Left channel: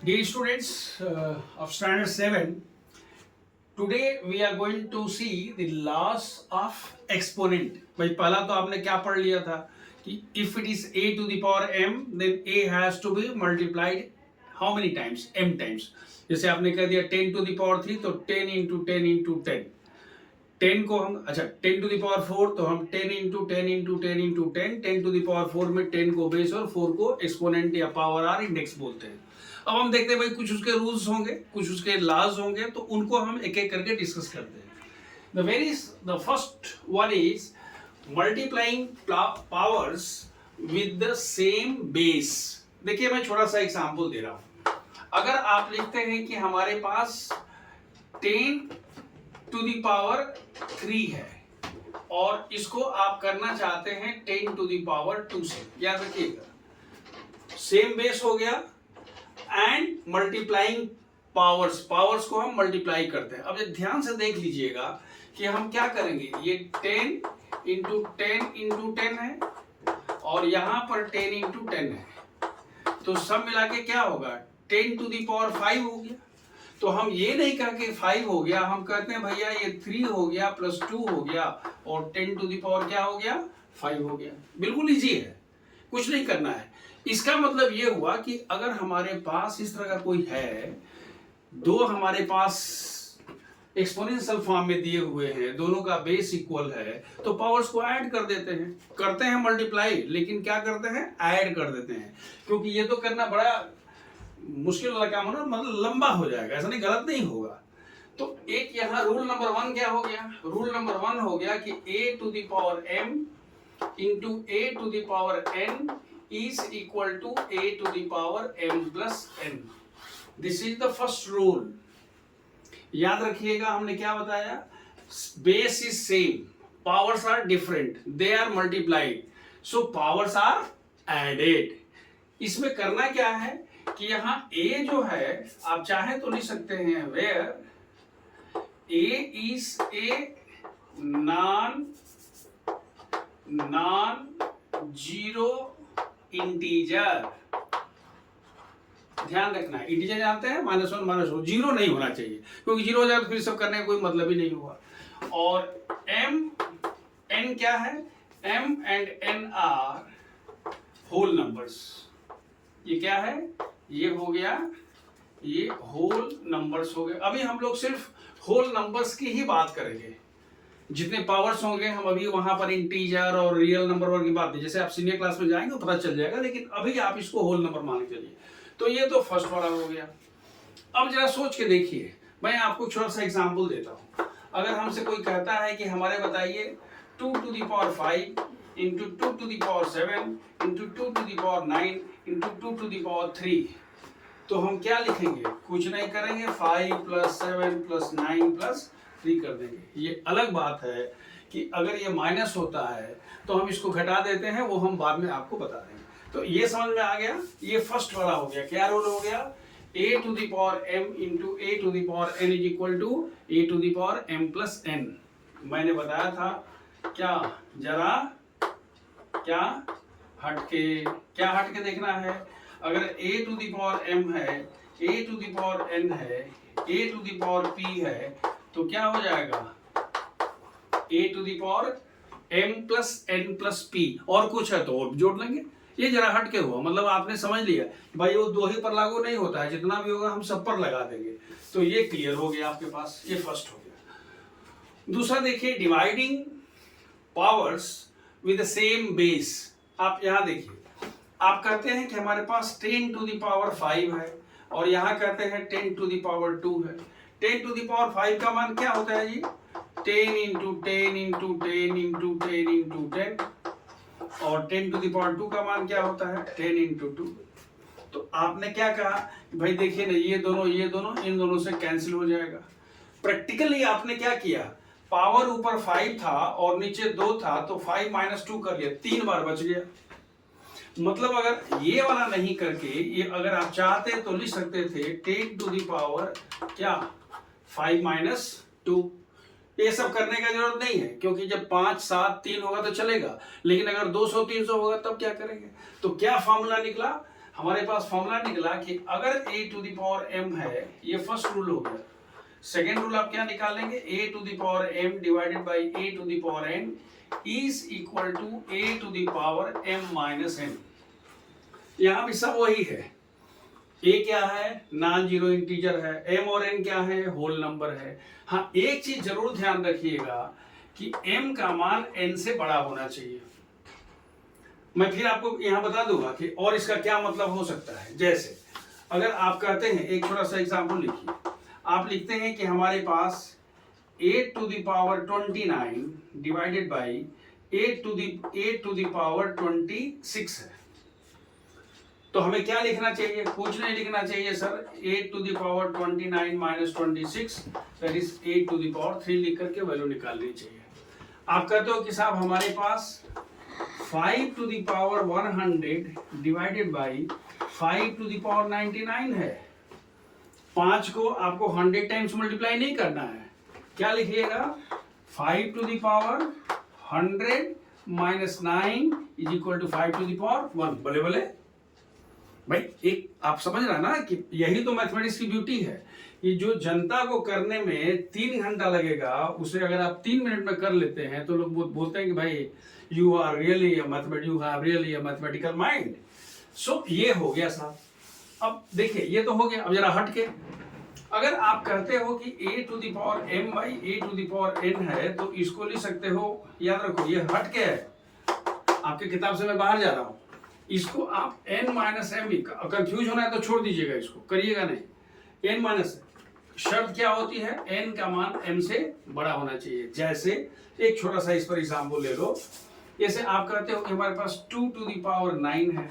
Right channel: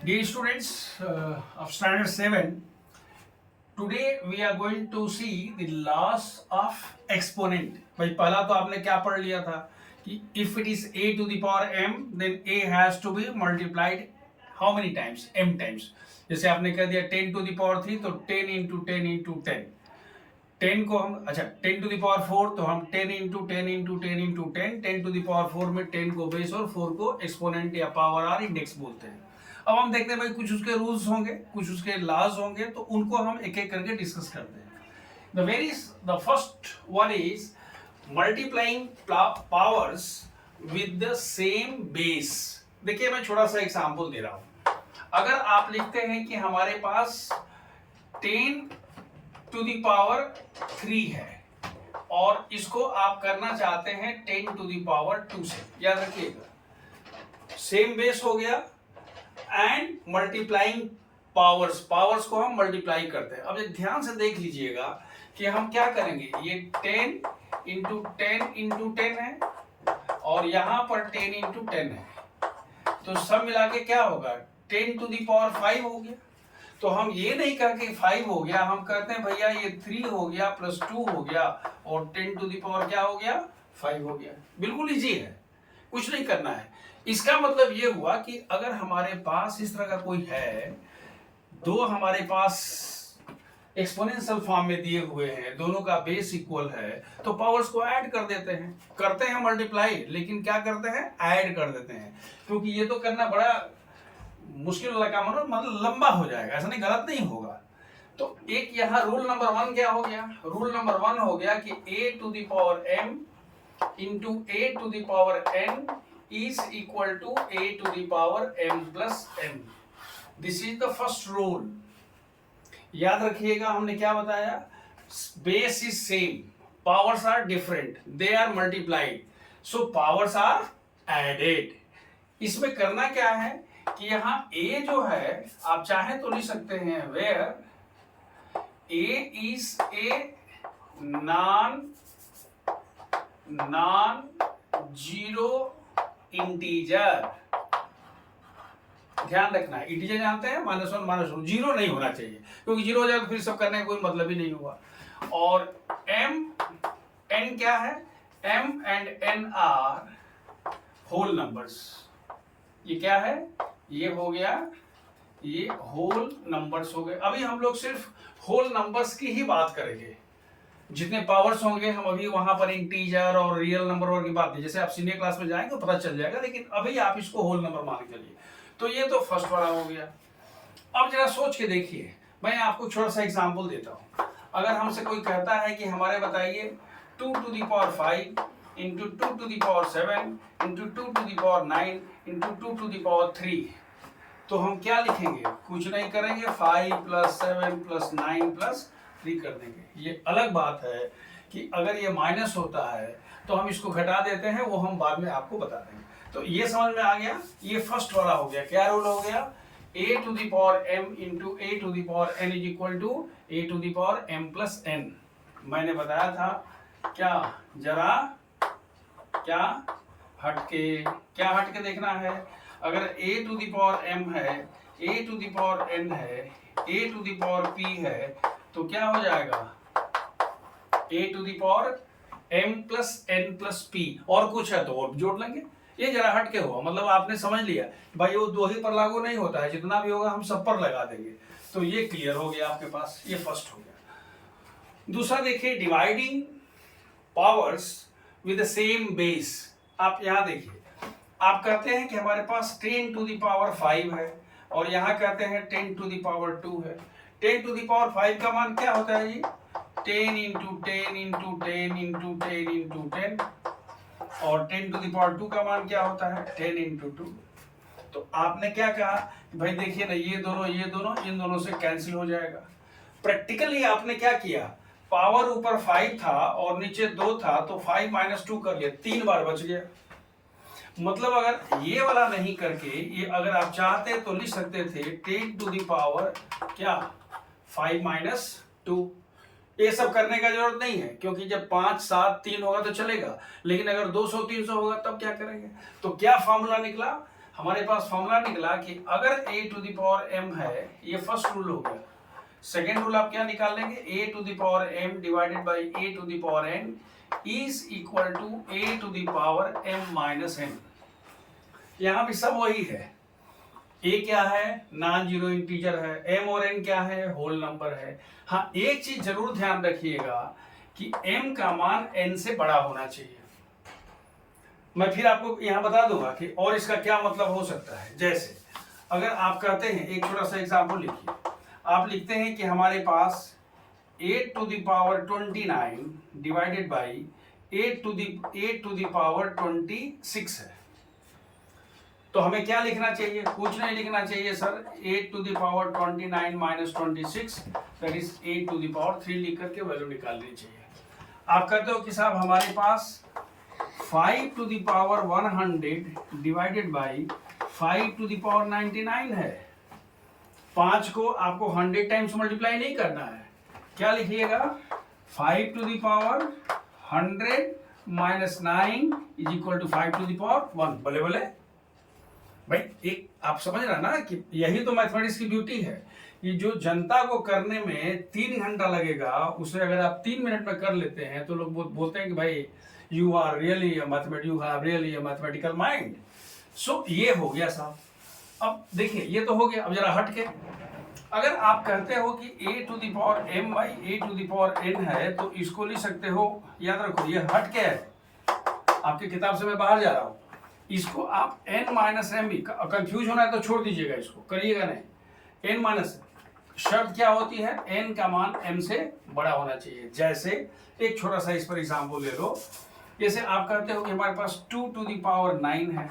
Dear students of standard 7, today we are going to see the laws of exponent. भाई पहला तो आपने क्या पढ़ लिया था कि if it is a to the power m then a has to be multiplied how many times? m times. जैसे आपने कह दिया 10 to the power 3 तो 10 into 10 into 10. 10 को हम अच्छा 10 टू द पावर 4 तो हम 10 into 10 into 10 into 10 10 to the power 4 में 10 को बेस और 4 को एक्सपोनेंट या पावर आर इंडेक्स बोलते हैं। अब हम देखते हैं भाई कुछ उसके रूल्स होंगे, कुछ उसके लॉज होंगे, तो उनको हम एक एक करके डिस्कस करते हैं। The first one is multiplying powers with the same base. देखिए मैं छोटा सा एग्जांपल दे रहा हूं। अगर आप लिखते हैं कि हमारे पास 10 टू द पावर 3 है और इसको आप करना चाहते हैं 10 टू द पावर 2 से, याद रखिएगा सेम बेस हो गया एंड मल्टीप्लाइंग पावर्स को हम मल्टीप्लाई करते हैं। अब ध्यान से देख लीजिएगा कि हम क्या करेंगे, ये 10 इंटू 10 इंटू 10 है और यहां पर 10 इंटू 10 है, तो सब मिला के क्या होगा 10 टू द पावर 5 हो गया। तो हम ये नहीं कह के 5 हो गया, हम कहते हैं भैया ये 3 हो गया प्लस 2 हो गया और 10 टू द पावर क्या हो गया 5 हो गया। बिल्कुल इजी है, कुछ नहीं करना है। इसका मतलब ये हुआ कि अगर हमारे पास इस तरह का कोई है, दो हमारे पास एक्सपोनेंशियल फॉर्म में दिए हुए हैं, दोनों का बेस इक्वल है, तो पावर्स को ऐड कर देते हैं, करते हैं मल्टीप्लाई, लेकिन क्या करते हैं ऐड कर देते हैं, क्योंकि ये तो करना बड़ा मुश्किल वाला काम होना, मतलब लंबा हो जाएगा, ऐसा नहीं, गलत नहीं होगा। तो एक यहाँ रूल नंबर 1 क्या हो गया, रूल नंबर 1 हो गया कि a to the power m into a to the power n is equal to a to the power m plus n। This is the first rule. याद रखिएगा हमने क्या बताया, base is same, powers are different, they are multiplied, so powers are added. इसमें करना क्या है कि यहाँ a जो है आप चाहें तो लिख सकते हैं where a is a non zero integer. ध्यान रखना है, इंटीजर जानते हैं -1 जीरो नहीं होना चाहिए, क्योंकि जीरो हो जाए तो फिर सब करने का कोई मतलब ही नहीं हुआ। और n क्या है, m and n are whole numbers. ये क्या है, ये हो गया, ये होल नंबर्स हो गए। अभी हम लोग सिर्फ होल नंबर्स की ही बात करेंगे, जितने पावर्स होंगे हम अभी वहां पर इंटीजर और रियल नंबर की बात नहीं, जैसे आप सीनियर क्लास में जाएंगे तो पता चल जाएगा, लेकिन अभी आप इसको होल नंबर मान के चलिए। तो ये तो फर्स्ट वाला हो गया। अब जरा सोच के देखिए, मैं आपको छोटा सा एग्जाम्पल देता हूं। अगर हमसे कोई कहता है कि हमारे बताइए 2 to the power 5 into 2 to the power 7 into 2 to the power 9 into 2 to the power 3, तो हम क्या लिखेंगे, कुछ नहीं करेंगे, 5 प्लस 7 प्लस 9 प्लस 3 कर देंगे। ये अलग बात है कि अगर ये माइनस होता है तो हम इसको घटा देते हैं, वो हम बाद में आपको बता देंगे। तो ये समझ में आ गया, ये फर्स्ट वाला हो गया। क्या रूल हो गया, a to the power m into a to the power n is equal to a to the power m plus n। मैंने बताया था क्या, जरा क्या हटके देखना है। अगर a to the power m है, a to the power n है, a to the power p है, तो क्या हो जाएगा a to the power m plus n plus p, और कुछ है तो और जोड़ लेंगे। ये जरा हट के हुआ, मतलब आपने समझ लिया भाई वो दो ही पर लागू नहीं होता है, जितना भी होगा हम सब पर लगा देंगे। तो ये क्लियर हो गया आपके पास, ये फर्स्ट हो गया। दूसरा देखिए, dividing powers with the same base. आप यहां देखिए, आप कहते हैं कि हमारे पास 10 टू द पावर 5 है और यहां कहते हैं 10 टू द पावर 2 है। 10 टू द पावर 5 का मान क्या होता है जी, 10 इंटू 10 इंटू 10 इंटू 10 इंटू 10, और 10 टू द पावर 2 का मान क्या होता है 10 इंटू 2। तो आपने क्या कहा भाई, देखिए ना, ये दोनों इन दोनों से कैंसिल हो जाएगा। प्रैक्टिकली आपने क्या किया, पावर ऊपर 5 था और नीचे 2 था, तो 5 माइनस 2 कर लिया, 3 बार बच गया। मतलब अगर ये वाला नहीं करके ये अगर आप चाहते तो लिख सकते थे 10 टू द पावर क्या 5 माइनस 2। ये सब करने का जरूरत नहीं है, क्योंकि जब 5 7 3 होगा तो चलेगा, लेकिन अगर 200 300 होगा तब क्या करेंगे। तो क्या फॉर्मूला निकला, हमारे पास फॉर्मूला निकला कि अगर a to the power m है, ये फर्स्ट रूल हो गया। सेकेंड रूल आप क्या निकालेंगे, a to the power m divided by a to the power n is equal to a to the power m minus n। यहाँ भी सब वही है। a क्या है, नॉन जीरो इंटीजर है, m और n क्या है, होल नंबर है। हाँ, एक चीज जरूर ध्यान रखिएगा कि m का मान n से बड़ा होना चाहिए। मैं फिर आपको यहां बता दूंगा कि और इसका क्या मतलब हो सकता है। जैसे अगर आप कहते हैं, एक छोटा सा एग्जाम्पल लिखिए, आप लिखते हैं कि हमारे पास 8 to the power 29 divided by 8 to the power 26 है। तो हमें क्या लिखना चाहिए, कुछ नहीं लिखना चाहिए sir, 8 to the power 29 minus 26 that is 8 to the power 3 लिख करके वैल्यू निकालनी चाहिए। आप कहते हो कि साहब हमारे पास 5 to the power 100 divided by 5 to the power 99 है। 5 को आपको 100 टाइम्स मल्टीप्लाई नहीं करना है, क्या लिखिएगा, 5 to the power 100 minus 9 is equal to 5 to the power 1। बोले बोले भाई, एक आप समझ रहे ना कि यही तो मैथमेटिक्स की ब्यूटी है। ये जो जनता को करने में 3 घंटा लगेगा, उसे अगर आप 3 मिनट में कर लेते हैं तो लोग बोलते हैं कि भाई you are really a mathematic, you have really a mathematical mind. So ये हो गया साहब। अब देखिए, ये तो हो गया। अब जरा हट के अगर आप कहते हो कि a to the power m by a to the power n है, तो इसको लिख सकते हो, याद रखो ये हट के है, आपकी किताब से मैं बाहर जा रहा हूं। इसको आप n माइनस एम, कंफ्यूज होना है तो छोड़ दीजिएगा, इसको करिएगा नहीं। n माइनस, शर्त क्या होती है, n का मान m से बड़ा होना चाहिए। जैसे एक छोटा सा इस पर एग्जाम्पल ले लो। जैसे आप कहते हो कि हमारे पास 2 टू द पावर 9 है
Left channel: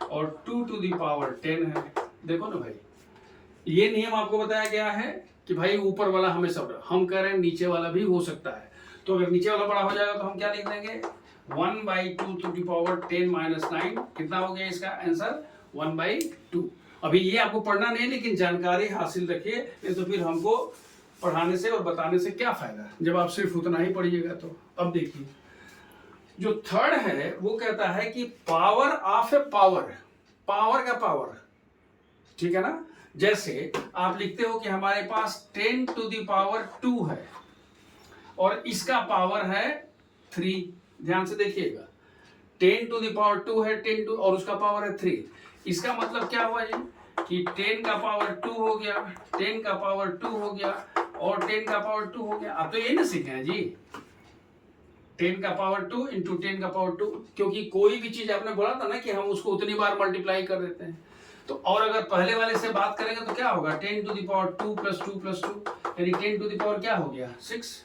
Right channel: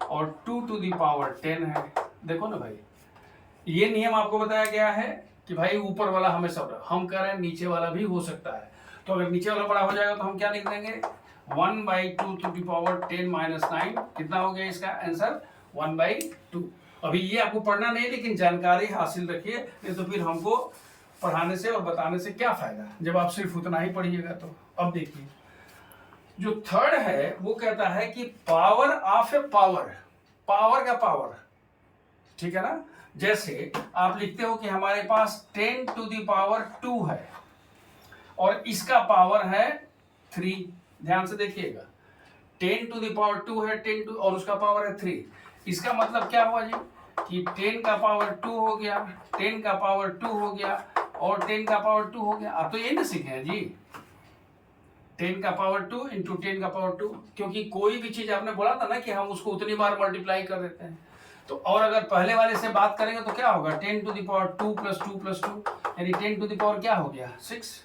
और 2 टू द पावर 10 है। देखो ना भाई, ये नियम आपको बताया गया है कि भाई ऊपर वाला हमेशा बड़ा, हम कह रहे हैं नीचे वाला भी हो सकता है। तो अगर नीचे वाला बड़ा हो जाएगा तो हम क्या लिख देंगे, 1 by 2 to the power 10 minus 9। कितना हो गया इसका आंसर, 1 बाई 2। अभी ये आपको पढ़ना नहीं, लेकिन जानकारी हासिल रखिए, नहीं तो फिर हमको पढ़ाने से और बताने से क्या फायदा जब आप सिर्फ उतना ही पढ़िएगा। तो अब देखिए, जो थर्ड है वो कहता है कि power of A power, power का पावर, ठीक है ना। जैसे आप लिखते हो कि हमारे पास 10 टू द पावर 2 है और इसका पावर है 3। ध्यान से देखिएगा, 10 टू द पावर 2 है, 10 टू और उसका पावर है 3। इसका मतलब क्या हुआ जी कि 10 का पावर 2 हो गया, 10 का पावर 2 हो गया और 10 का पावर 2 हो गया। आप तो यही ना सीखे हैं जी, 10 का पावर 2 इंटू 10 का पावर 2, क्योंकि कोई भी चीज आपने बोला था ना कि हम उसको उतनी बार मल्टीप्लाई कर देते हैं। तो और अगर पहले वाले से बात करेंगे तो क्या होगा, 10 to the power 2 plus 2 plus 2 यानी 10 टू द पावर क्या हो गया, 6।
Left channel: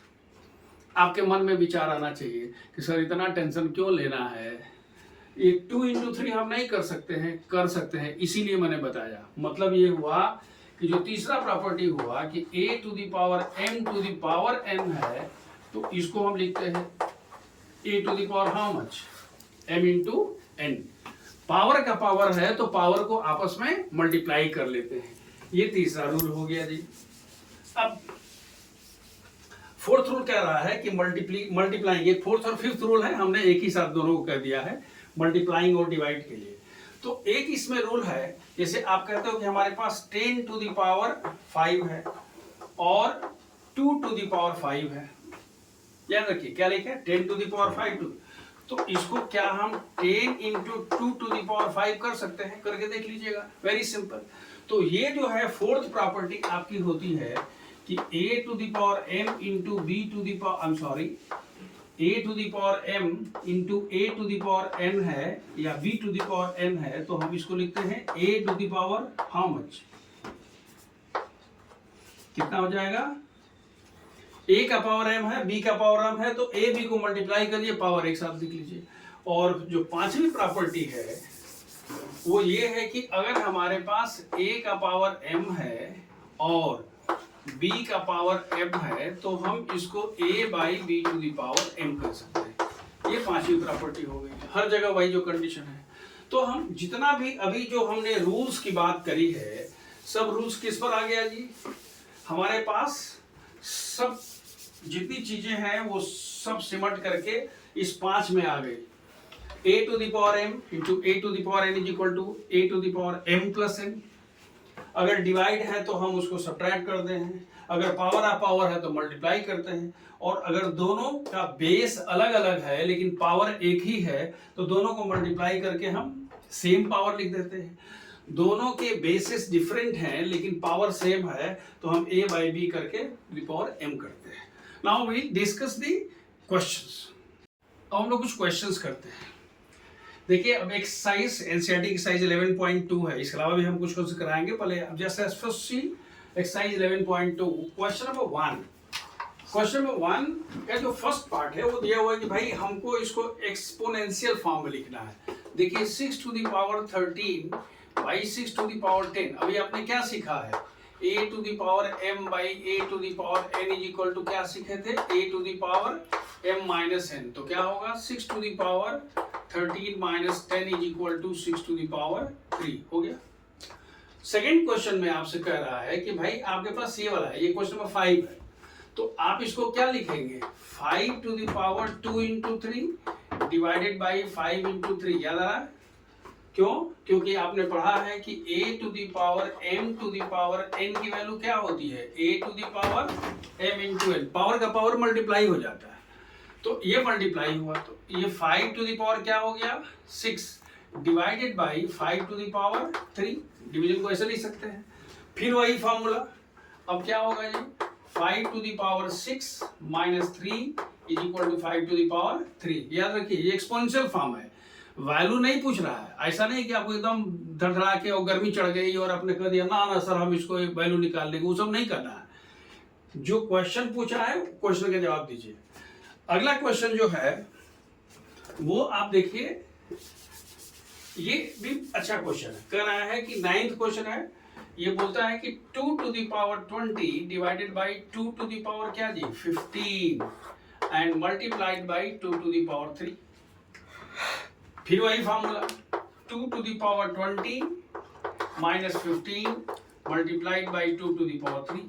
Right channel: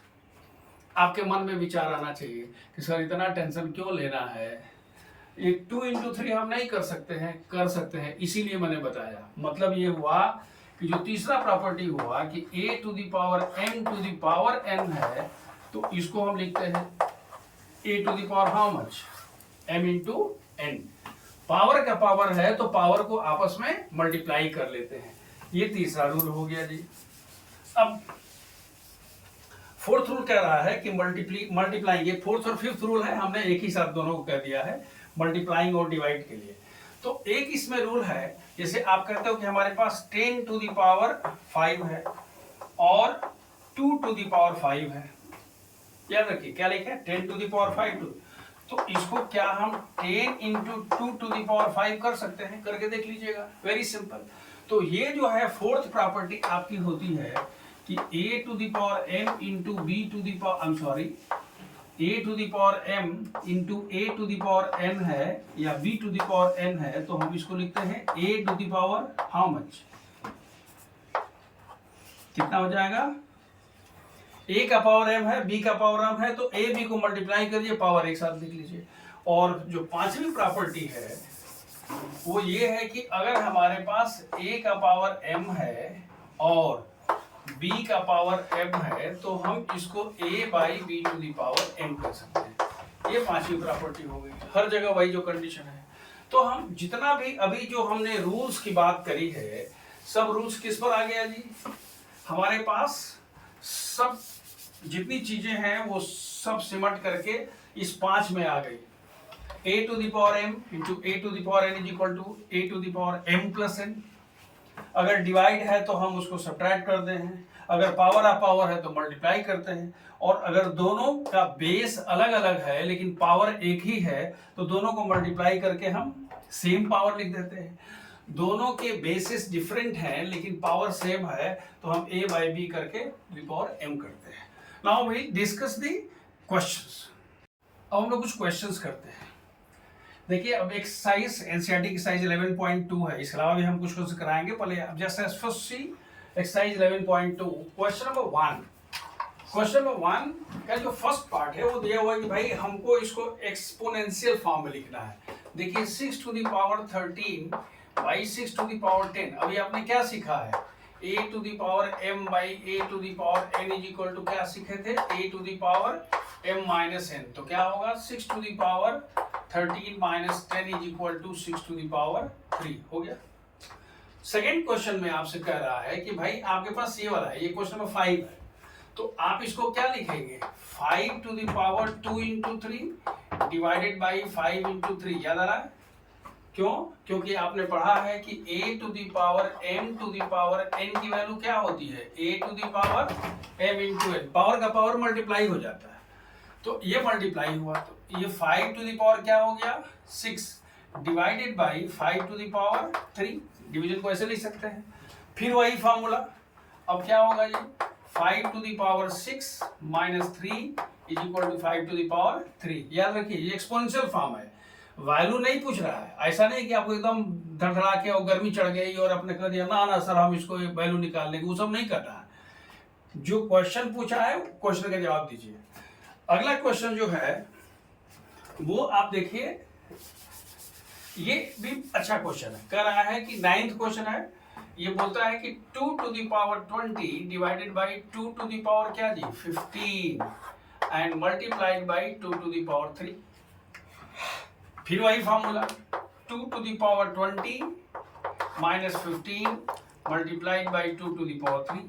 आपके मन में विचार आना चाहिए कि सर इतना टेंशन क्यों लेना है, एक 2 इंटू 3 हम नहीं कर सकते हैं, कर सकते हैं, इसीलिए मैंने बताया। मतलब ये हुआ कि जो तीसरा प्रॉपर्टी हुआ कि a to the power m to the power n है, तो इसको हम लिखते हैं a to the power how much, m into n। Power का पावर है तो पावर को आपस में मल्टीप्लाई कर लेते हैं। ये तीसरा रूल हो गया जी। अब फोर्थ रूल कह रहा है कि मल्टीप्लाइंग, ये फोर्थ और फिफ्थ रूल है, हमने एक ही साथ दोनों को कह दिया है मल्टीप्लाइंग और डिवाइड के लिए। तो एक इसमें रूल है, जैसे आप कहते हो कि हमारे पास 10 टू द पावर 5 है और 2 टू द पावर 5 है। याद रखिए क्या लिखे, 10 टू द पावर 5 2। तो इसको क्या हम 10 इंटू 2 टू द पावर 5 कर सकते हैं, करके देख लीजिएगा, वेरी सिंपल। तो ये जो है फोर्थ प्रॉपर्टी आपकी होती है कि a to the power m into b to the power, I am sorry, a to the power m into a to the power n है या b to the power n है, तो हम इसको लिखते हैं a to the power how much, कितना हो जाएगा, a का पावर m है, b का पावर m है, तो a b को मल्टीप्लाई करिए, पावर एक साथ लिख लीजिए। और जो पांचवी प्रॉपर्टी है वो ये है कि अगर हमारे पास a का पावर m है और b का पावर m है, तो हम इसको a by B to the power m कर सकते हैं। ये पांचवी प्रॉपर्टी हो गई। हर जगह वही जो कंडीशन है। तो हम जितना भी अभी जो हमने रूल्स की बात करी है, सब रूल्स किस पर आ गया जी, हमारे पास सब जितनी चीजें हैं वो सब सिमट करके इस 5 में आ गई। a to the power m into a to the power n is equal to a to the power m plus n। अगर डिवाइड है तो हम उसको सब्ट्रैक्ट करते हैं, अगर पावर ऑफ पावर है तो मल्टीप्लाई करते हैं, और अगर दोनों का बेस अलग अलग है लेकिन पावर एक ही है तो दोनों को मल्टीप्लाई करके हम सेम पावर लिख देते हैं। दोनों के बेसिस डिफरेंट हैं लेकिन पावर सेम है तो हम a बाई बी करके वी पावर m करते हैं। Now we discuss the questions. अब हम लोग कुछ क्वेश्चंस करते हैं। देखिए अब एक्सरसाइज एनसीईआरटी की एक्सरसाइज 11.2 है, इसके अलावा भी हम कुछ कुछ कराएंगे। पहले अब जैसे first C exercise 11.2 question number 1। Question number 1 का जो फर्स्ट पार्ट है वो दिया हुआ है कि भाई हमको इसको एक्सपोनेंशियल फॉर्म में लिखना है। देखिए 6 to the power 13 by 6 to the power 10। अभी आपने क्या सीखा है, a to the power m by a to the power n is equal to क्या सीखे थे, a to the power m minus n। तो क्या होगा 6 to the power 13 minus 10 is equal to 6 to the power 3 हो गया। Second question में आपसे कह रहा है कि भाई आपके पास ये वाला है, ये क्वेश्चन नंबर 5 है, तो आप इसको क्या लिखेंगे 5 to the power 2 into 3 divided by 5 into 3। याद आ रहा है क्यों? क्योंकि आपने पढ़ा है कि a to the power m to the power n की वैल्यू क्या होती है, a to the power m into n। Power का पावर मल्टीप्लाई हो जाता है, तो ये मल्टीप्लाई हुआ तो ये 5 टू द पावर क्या हो गया 6 divided by 5 to the power 3। Division को ऐसे लिख सकते हैं। फिर वही फॉर्मूला, अब क्या होगा जी 5 to the power 6 minus 3 is equal to 5 to the power 3। याद रखिए ये एक्सपोनेंशियल फॉर्म है, वैल्यू नहीं पूछ रहा है। ऐसा नहीं कि आपको एकदम धड़धड़ा के और गर्मी चढ़ गई और आपने कह दिया ना ना सर हम इसको वैल्यू निकाल लेंगे, वो सब नहीं करना है। जो क्वेश्चन पूछा है क्वेश्चन का जवाब दीजिए। अगला क्वेश्चन जो है वो आप देखिए, ये भी अच्छा क्वेश्चन है। कह रहा है कि 9th क्वेश्चन है, ये बोलता है कि 2 to the power 20 divided by 2 to the power क्या जी 15 and multiplied by 2 to the power 3। फिर वही formula 2 to the power 20 minus 15 multiplied by 2 to the power 3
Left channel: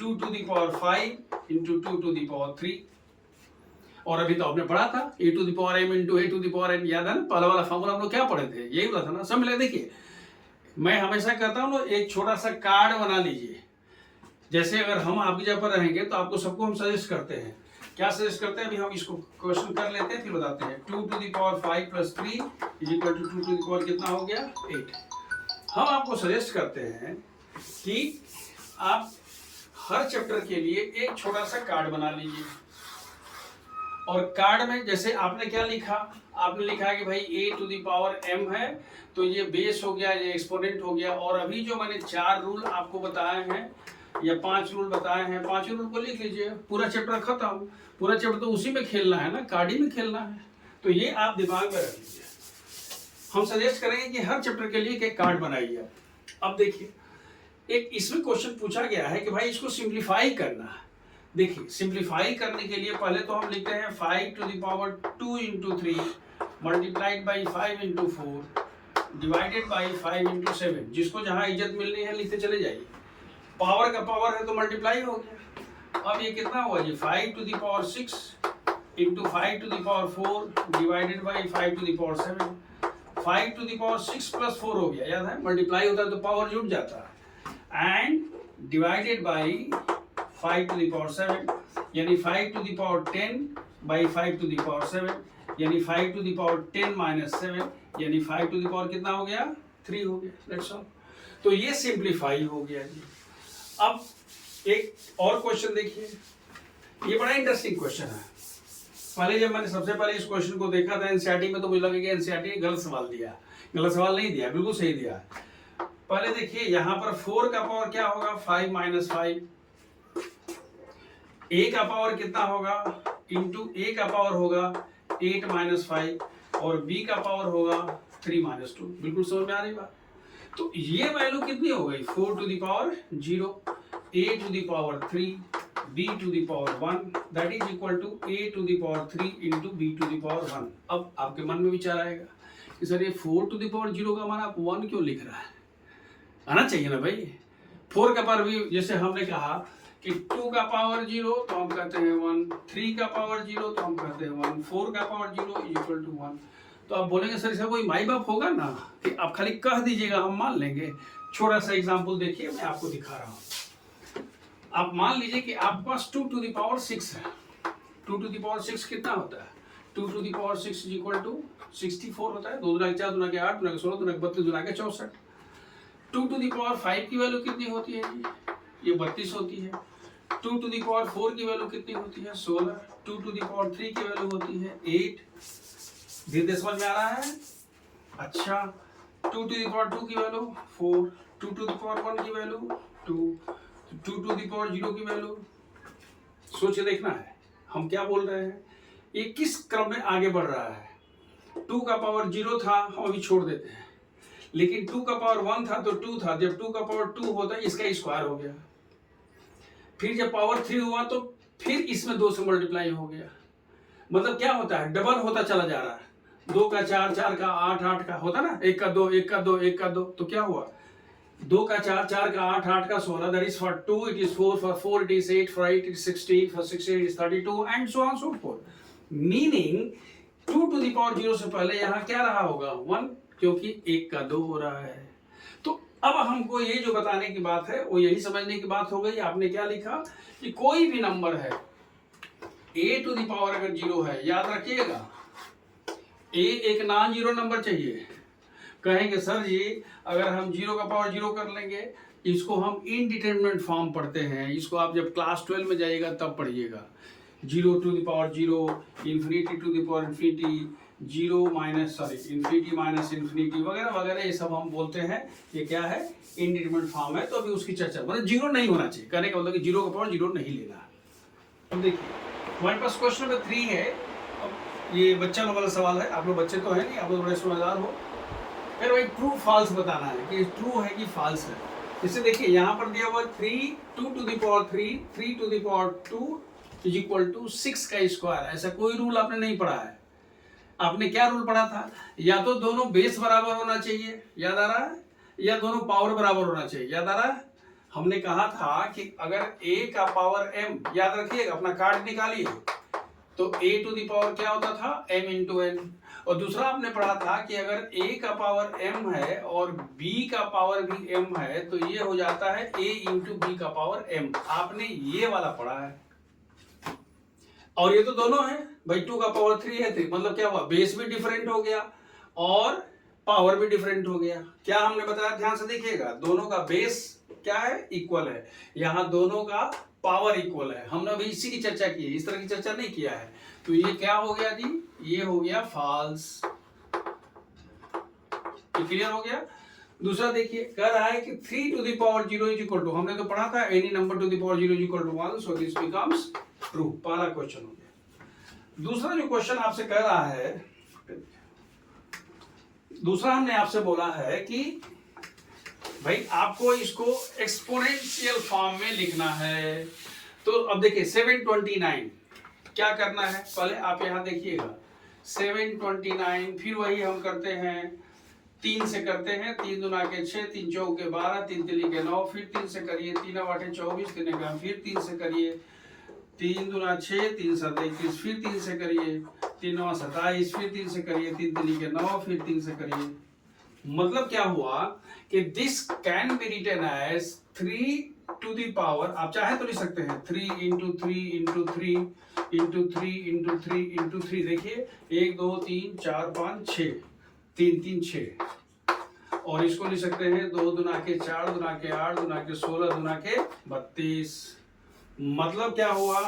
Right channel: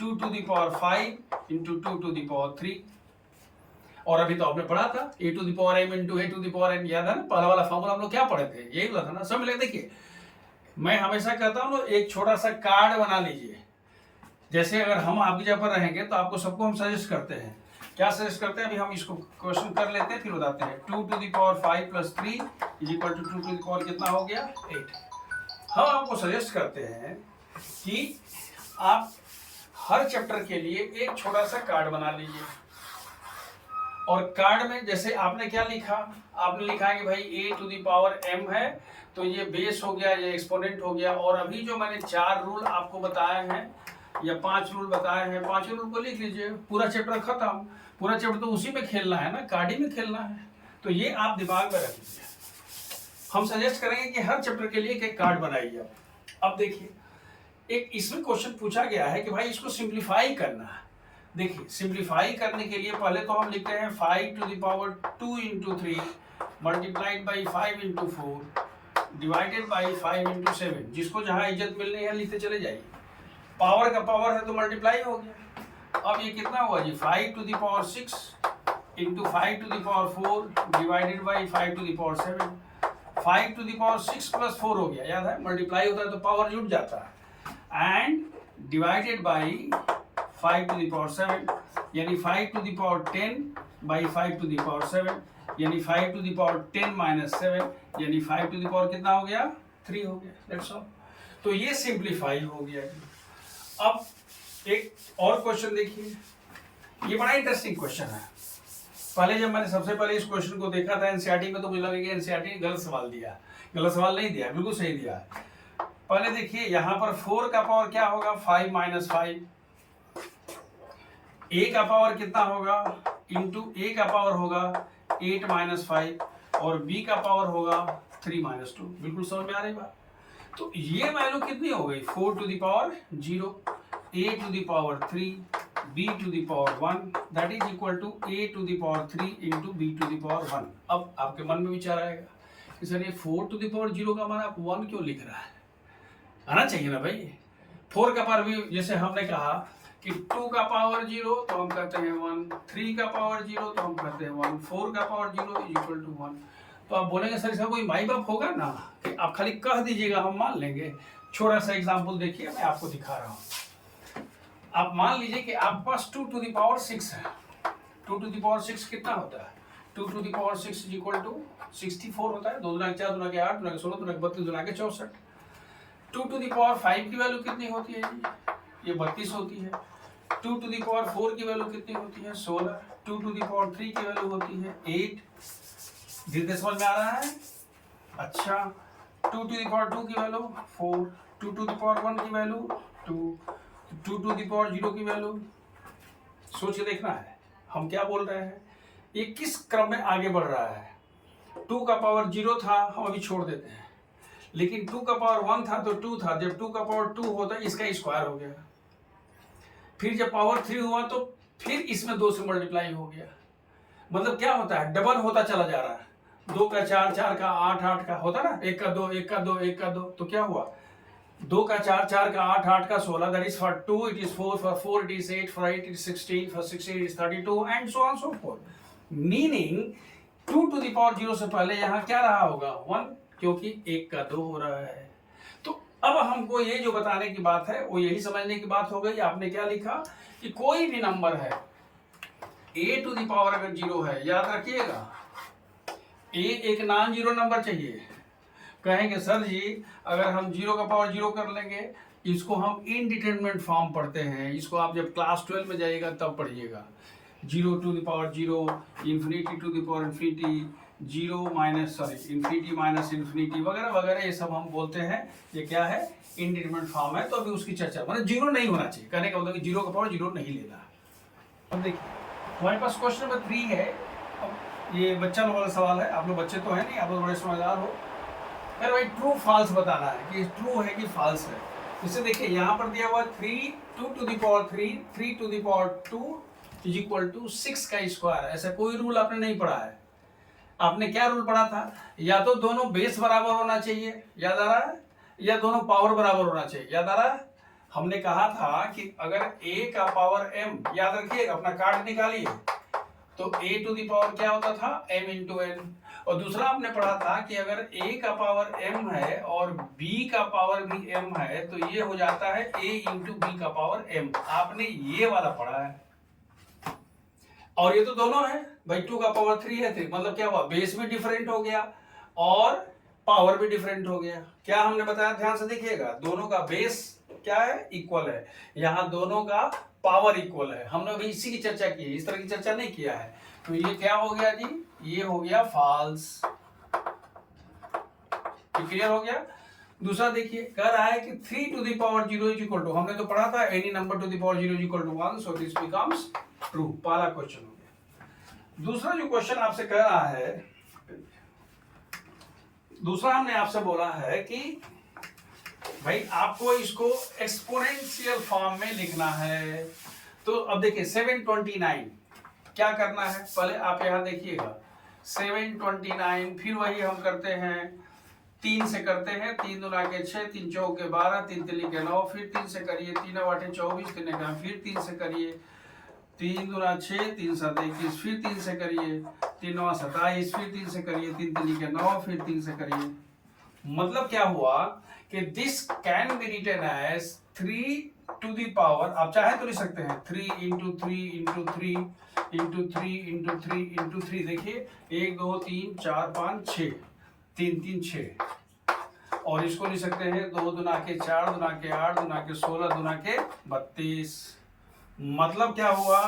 2 to the power 5 into 2 to the power 3। और अभी तो आपने पढ़ा था a to the power m into a to the power n। याद है ना पहला वाला फॉर्मूला हम लोग क्या पढ़े थे, यही बोला था ना सब मिले। देखिए मैं हमेशा कहता हूँ एक छोटा सा कार्ड बना लीजिए। जैसे अगर हम आपकी जगह पर रहेंगे तो आपको सबको हम सजेस्ट करते हैं, क्या सजेस्ट करते हैं, अभी हम इसको क्वेश्चन कर लेते हैं फिर बताते हैं। 2 to the power 5 plus 3 is equal to 2 to the power कितना हो गया 8। हम आपको सजेस्ट करते हैं कि आप हर चैप्टर के लिए एक छोटा सा कार्ड बना लीजिए, और कार्ड में जैसे आपने क्या लिखा, आपने लिखा कि भाई a to the power m है तो ये बेस हो गया, ये एक्सपोनेंट हो गया। और अभी जो मैंने 4 रूल आपको बताए हैं या 5 रूल बताए हैं, 5 रूल को लिख लीजिए। पूरा चैप्टर खत्म, पूरा चैप्टर तो उसी में खेलना है ना, कार्ड ही में खेलना है, तो ये आप दिमाग में रख लीजिए। हम सजेस्ट करेंगे कि हर चैप्टर के लिए एक कार्ड बनाइए। अब देखिए एक इसमें क्वेश्चन पूछा गया है कि भाई इसको सिंप्लीफाई करना है। देखिए सिंप्लीफाई करने के लिए पहले तो हम लिखते हैं 5 to the power 2 into 3 multiplied by 5 into 4 divided by 5 into 7। जिसको जहाँ इज्जत मिलनी है लिखते चले जाइए। पावर का पावर है तो मल्टीप्लाई हो गया। अब ये कितना हुआ जी 5 to the power 6 into 5 to the power 4 divided by 5 to the power 7। 5 to the power 6 plus 4 हो गया, याद है मल्टीप्लाई होता है तो पावर जुड़ जाता है, and divided by 5 to the power 7 यानी 5 to the power 10 by 5 to the power 7 यानी 5 टू द पावर 10 माइनस 7 यानी 5 टू द पावर कितना हो गया 3 हो गया। That's all. तो ये सिंप्लीफाई हो गया। अब एक और क्वेश्चन देखिए, ये बड़ा इंटरेस्टिंग क्वेश्चन है। पहले जब मैंने सबसे पहले इस क्वेश्चन को देखा था एनसीईआरटी में तो मुझे लगा कि एनसीईआरटी गलत सवाल दिया। गलत सवाल नहीं दिया, बिल्कुल सही दिया। पहले देखिए यहाँ पर 4 का पावर क्या होगा 5 माइनस 5, a का पावर कितना होगा इंटू a का पावर होगा 8 माइनस 5 और b का पावर होगा 3 माइनस 2। बिल्कुल समझ में आ रही बात। तो ये वैल्यू कितनी हो गई 4 to the power 0 a to the power 3 b to the power 1 that is equal to a to the power 3 into b to the power 1। अब आपके मन में विचार आएगा कि सर ये 4 टू द पावर 0 का मान आप 1 क्यों लिख रहा है, आना चाहिए ना भाई। 4 का पावर भी जैसे हमने कहा कि 2 का पावर 0 तो हम कहते हैं 1, 3 का पावर 0 तो हम कहते हैं 1, 4 का पावर 0 इज इक्वल टू 1। तो तो आप बोलेंगे सर इसका कोई माई बाप होगा ना, कि आप खाली कह दीजिएगा हम मान लेंगे। छोटा सा एग्जाम्पल देखिए, मैं आपको दिखा रहा हूँ। आप मान लीजिए कि आपके पास 2 to the power 6 है। 2 to the power 6 कितना होता है? 2 to the power 6 is equal to 64 होता है। 2 दूना के 4, दूना के 8, दूना के 16, दूना के 32, दूना के 64। 2 to the power 5 की वैल्यू कितनी होती है जी? ये 32 होती है। 2 to the power 4 की वैल्यू कितनी होती है? 16। 2 to the power 3 की वैल्यू होती है 8। धीरे समझ में आ रहा है? अच्छा, 2 to the power 2 की वैल्यू 4। 2 to the power 1 की वैल्यू 2। 2 to the power 0 की वैल्यू, सोच के देखना है हम क्या बोल रहे हैं, ये किस क्रम में आगे बढ़ रहा है। 2 का पावर 0 था, हम अभी छोड़ देते हैं, लेकिन 2 का पावर 1 था तो 2 था। जब 2 का पावर 2 होता है इसका स्क्वायर हो गया। फिर जब पावर 3 हुआ तो फिर इसमें 2 से मल्टीप्लाई हो गया। मतलब क्या होता है, डबल होता चला जा रहा है। 2 का 4, 4 का 8, 8 का होता ना, 1 का 2, 1 का 2, 1 का 2, तो क्या हुआ, 2 का 4, 4 का 8, 8 का 16, that is for 2 it is 4, for 4 it is 8, for 8 it is 16, for 16 it is 32 and so on so forth. Meaning 2 to the power 0 से पहले यहाँ क्या रहा होगा, 1, क्योंकि 1 का 2 हो रहा है। तो अब हमको ये जो बताने की बात है वो यही समझने की बात हो गई। आपने क्या लिखा कि कोई भी नंबर है a to the power अगर 0 है, याद रखिएगा a एक नॉन जीरो नंबर चाहिए। कहेंगे सर जी अगर हम 0 का पावर 0 कर लेंगे, इसको हम इनडिटरमिनेट फॉर्म पढ़ते हैं, इसको आप जब क्लास 12 में जाइएगा तब पढ़िएगा। 0 to the power 0, infinity to the power infinity, 0 minus infinity minus infinity वगैरह वगैरह, ये सब हम बोलते हैं ये क्या है, इनडिटरमिनेट फॉर्म है। तो अभी उसकी चर्चा, मतलब 0 नहीं होना चाहिए, कहने का मतलब कि 0 का पावर 0 नहीं लेना। अब देखिए हमारे पास क्वेश्चन नंबर 3 है। अब ये बच्चा लोग वाला सवाल है, आप लोग बच्चे तो है नहीं, आप लोग बड़े समझदार हो। फिर भाई ट्रू फॉल्स बताना है कि ट्रू है कि फॉल्स है। जैसे देखिए यहाँ पर दिया हुआ 3, 2 to the power 3, 3 to the power 2 is equal to 6 का स्क्वायर। ऐसा कोई रूल आपने नहीं पढ़ा है। आपने क्या रूल पढ़ा था, या तो दोनों बेस बराबर होना चाहिए, याद आ रहा है, या दोनों पावर बराबर होना चाहिए, याद आ रहा है। हमने कहा था कि अगर a का पावर m, याद रखिए अपना कार्ड निकालिए, तो a टू दी पावर क्या होता था, m इंटू n। और दूसरा आपने पढ़ा था कि अगर a का पावर m है और b का पावर भी m है तो ये हो जाता है a इंटू b का पावर m। आपने ये वाला पढ़ा है। और ये तो दोनों है भाई, 2 का पावर 3 है, 3 मतलब क्या हुआ, बेस भी डिफरेंट हो गया और पावर भी डिफरेंट हो गया। क्या हमने बताया, ध्यान से देखिएगा, दोनों का बेस क्या है, इक्वल है। यहाँ दोनों का पावर इक्वल है। हमने अभी इसी की चर्चा की है, इस तरह की चर्चा नहीं किया है। तो ये क्या हो गया जी, ये हो गया फॉल्स। क्लियर हो गया। दूसरा देखिए कह रहा है कि 3 to the power 0 is equal to, हमने तो पढ़ा था any number to the power 0 is equal to 1, so this becomes true. पहला क्वेश्चन हो गया। दूसरा जो क्वेश्चन आपसे कह रहा है, दूसरा हमने आपसे बोला है कि भाई आपको इसको एक्सपोनेंशियल फॉर्म में लिखना है। तो अब देखिए 729 क्या करना है, पहले आप यहां देखिएगा 729, फिर वही हम करते हैं 3 से करते हैं, 3 दूना के 6, 3 चौक के 12, 3 तिली के 9, फिर 3 से करिए, 3 आठे 24, 3 का फिर 3 से करिए, 3 दूना 6, 3 7 21, फिर 3 से करिए, 3 9 27, फिर 3 से करिए, 3 तिली के 9, फिर 3 से करिए। मतलब क्या हुआ कि this can be written as 3 to the power, आप चाहे तो लिख सकते हैं 3 into 3 into 3 into 3 into 3 into 3। देखिए 1 2 3 4 5 6, 3 3 6। और इसको लिख सकते हैं 2 दुना के 4 दुना के 8 दुना के 16 दुना के 32। मतलब क्या हुआ,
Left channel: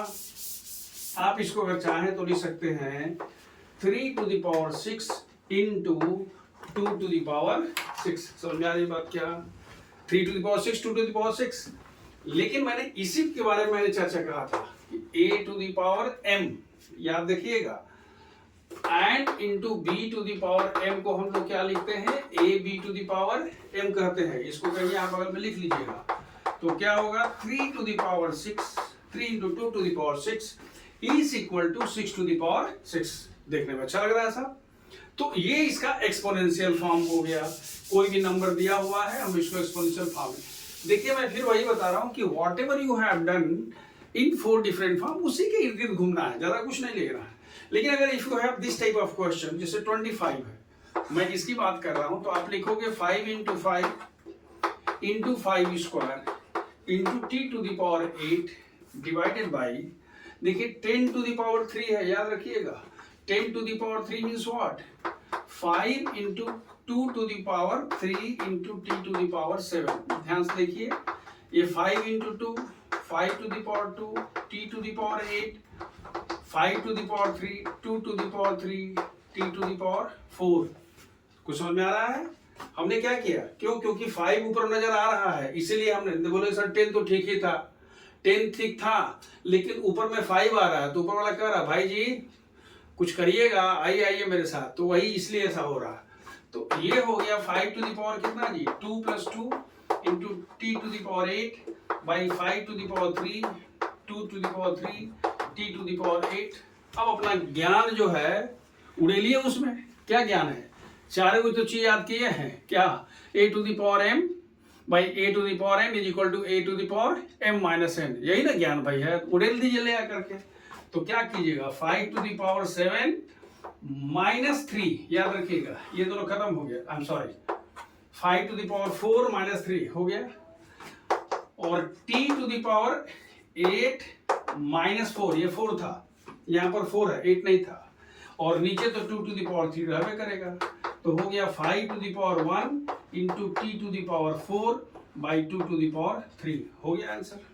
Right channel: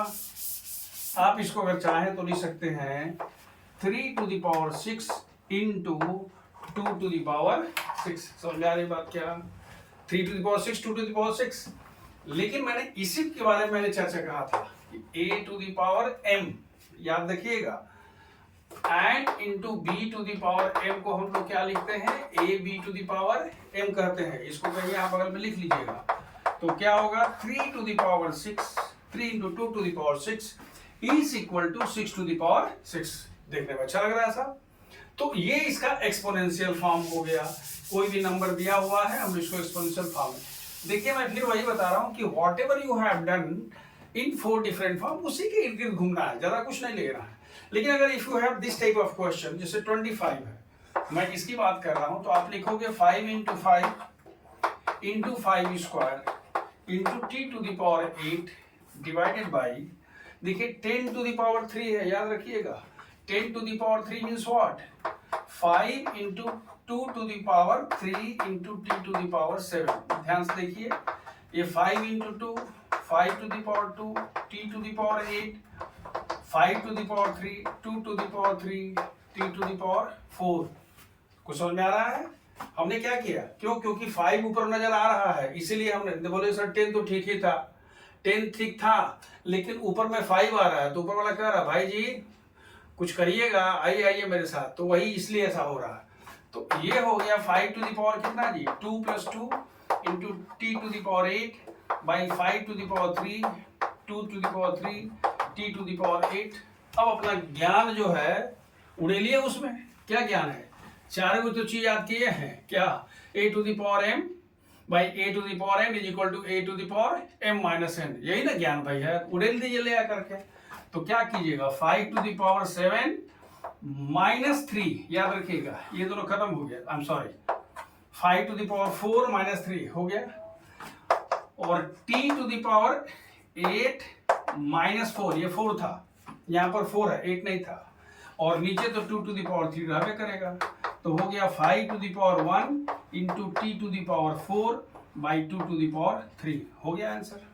आप इसको अगर चाहें तो लिख सकते हैं 3 to the power 6 into 2 to the power 6। समझ में आ रही बात क्या, 3 to the power 6 2 to the power 6। लेकिन मैंने इसी के बारे में मैंने चर्चा कहा था कि a to the power m, याद रखिएगा, and into b to the power m को हम लोग क्या लिखते हैं, a b to the power m कहते हैं। इसको कहीं यहाँ बगल में लिख लीजिएगा। तो क्या होगा 3 to the power 6, 3 into 2 to the power 6 is equal to 6 to the power 6। देखने में अच्छा लग रहा है ऐसा। तो ये इसका एक्सपोनेंशियल फॉर्म हो गया। कोई भी नंबर दिया हुआ है, हम इसको एक्सपोनेंशियल फॉर्म में, देखिए मैं फिर वही बता रहा हूं कि whatever you have done in 4 different form, उसी के इर्द गिर्द घूमना है, ज्यादा कुछ नहीं लेना है। लेकिन अगर if you have this type of question, जैसे 25 है, मैं इसकी बात कर रहा हूं, तो आप लिखोगे 5 into 5 square into T to the power 8 divided by, देखिए 10 टू द पावर 3 है, याद रखिएगा 10 to the power 3 means what, 5 into 2 to the power 3 into T to the power 7। ध्यान से देखिए, ये 5 into 2, 5 to the power 2, T to the power 8, 5 to the power 3, 2 to the power 3, T to the power 4। कुछ समझ में आ रहा है? हमने क्या किया, क्योंकि 5 ऊपर नजर आ रहा है, इसीलिए हमने बोले सर 10 तो ठीक ही था, 10 ठीक था, लेकिन ऊपर में 5 आ रहा है, तो ऊपर वाला कह रहा भाई जी कुछ करिएगा, आइए मेरे साथ, तो वही इसलिए ऐसा हो रहा है। तो ये हो गया 5 टू द पावर कितना जी, 2 + 2 into T to the power 8 by 5 to the power 3, 2 to the power 3, T to the power 8। अब अपना ज्ञान जो है उड़ेलिए, उसमें क्या ज्ञान है, चारों को तो चीज याद किए हैं, क्या, a to the power m by a to the power m is equal to a to the power m minus n, यही ना ज्ञान भाई है, उड़ेल दीजिए ले आकर के। तो क्या कीजिएगा, 5 टू द पावर 7 माइनस 3, याद रखिएगा ये दोनों खत्म हो गया, I am sorry, 5 to the power 4 minus 3 हो गया, और t to the power 8 minus 4, ये 4 था, यहाँ पर 4 है, 8 नहीं था, और नीचे तो 2 टू द पावर 3 रहबे करेगा, तो हो गया 5 to the power 1 into T to the power 4 by 2 to the power 3, हो गया आंसर।